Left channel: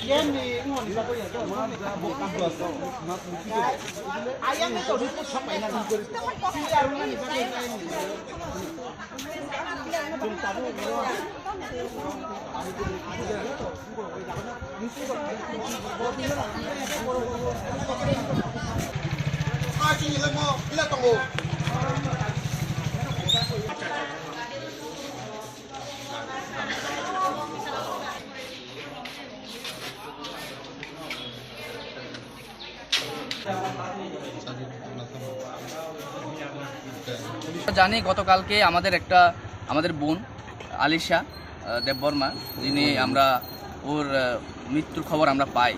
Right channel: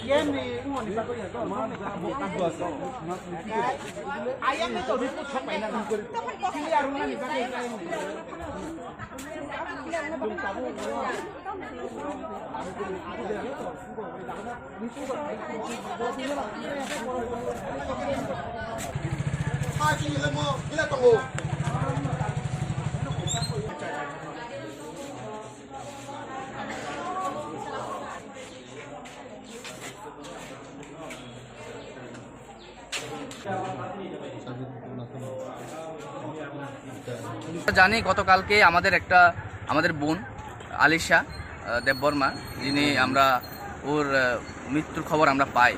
Ayam itu disebut sampai nanti. Ayam itu disebut sampai nanti. Ayam itu disebut sampai nanti. Ayam itu জানি গতকালকে আমাদের একটা, আমাদের বোন, আলিশা দেববর্মা, যিনি আমরা, ওর মৃত্যুর খবর আমরা পাই।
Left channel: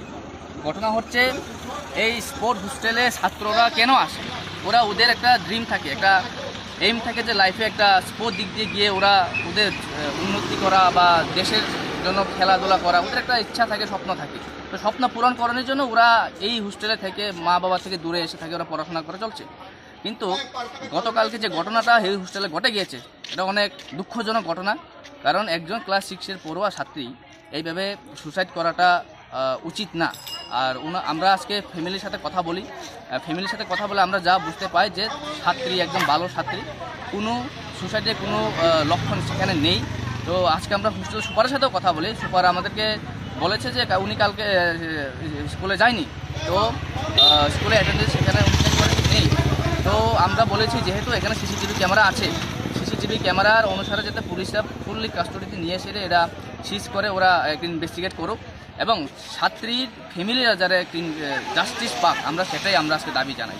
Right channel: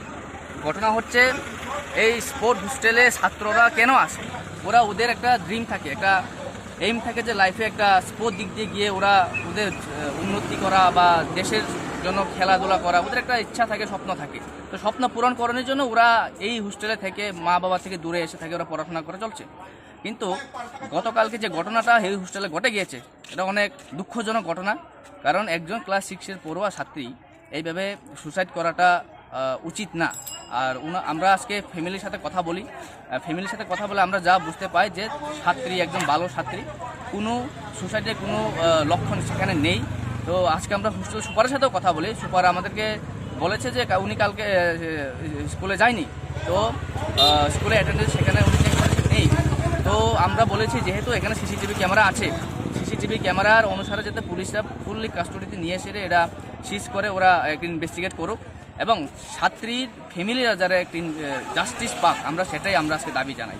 ঘটনা হচ্ছে, এই স্পোর্ট হোস্টেলে ছাত্ররা কেন আসে? ওরা ওদের একটা ড্রিম থাকে, একটা এইম থাকে যে লাইফে একটা স্পোর্ট দিক দিয়ে গিয়ে ওরা ওদের উন্নতি করা বা দেশের জন্য খেলাধুলা করা, ওদের একটা ইচ্ছা থাকে, স্বপ্ন থাকে। তো স্বপ্ন পূরণ করানোর জন্য ওরা এই হোস্টেলে থেকে মা বাবা থেকে দূরে এসে থাকে, ওরা পড়াশোনা করে চলছে। কিন্তু গতকালকে যে ঘটনাটা এই হোস্টেলে ঘটে গিয়েছে, এটা অনেক দুঃখজনক ঘটনা। কারণ একজন ক্লাস সিক্সের পড়ুয়া ছাত্রী এইভাবে সুসাইড করাটা উচিত না। আর আমরা আজকে ফ্যামিলির সাথে কথা বলি। ফ্যামিলির সাথে কথা বলে আমরা যা বুঝতে পাই যে ছাত্রী একজন ভালো ছাত্রী। কোনো সুসাইডের কোনো লক্ষণ সেখানে নেই। তো আজকে আমরা হোস্টেল সুপারের সাথেও কথা বলি। সুপার আমাদেরকে বলেছে যে উনি কালকে স্কুলে যায়নি। তো স্কুলে অ্যাটেন্ডেন্স সেখানে উনি নেই। তো আমরা বলেছি, যেহেতু এখানে সিসিটিভি ক্যামেরা আছে সিসিটিভি ক্যামেরার অনুসারে যাতে পুলিশরা ফুললি কাস্টডিতে নিয়ে এসে এরা সিজ করে, ওরা ইনভেস্টিগেট করুক। এবং ছাত্রীর ফ্যামিলিরা যারা জাস্টিস পাক, আমরা সেটাই আমরা আজকে দাবি জানাই।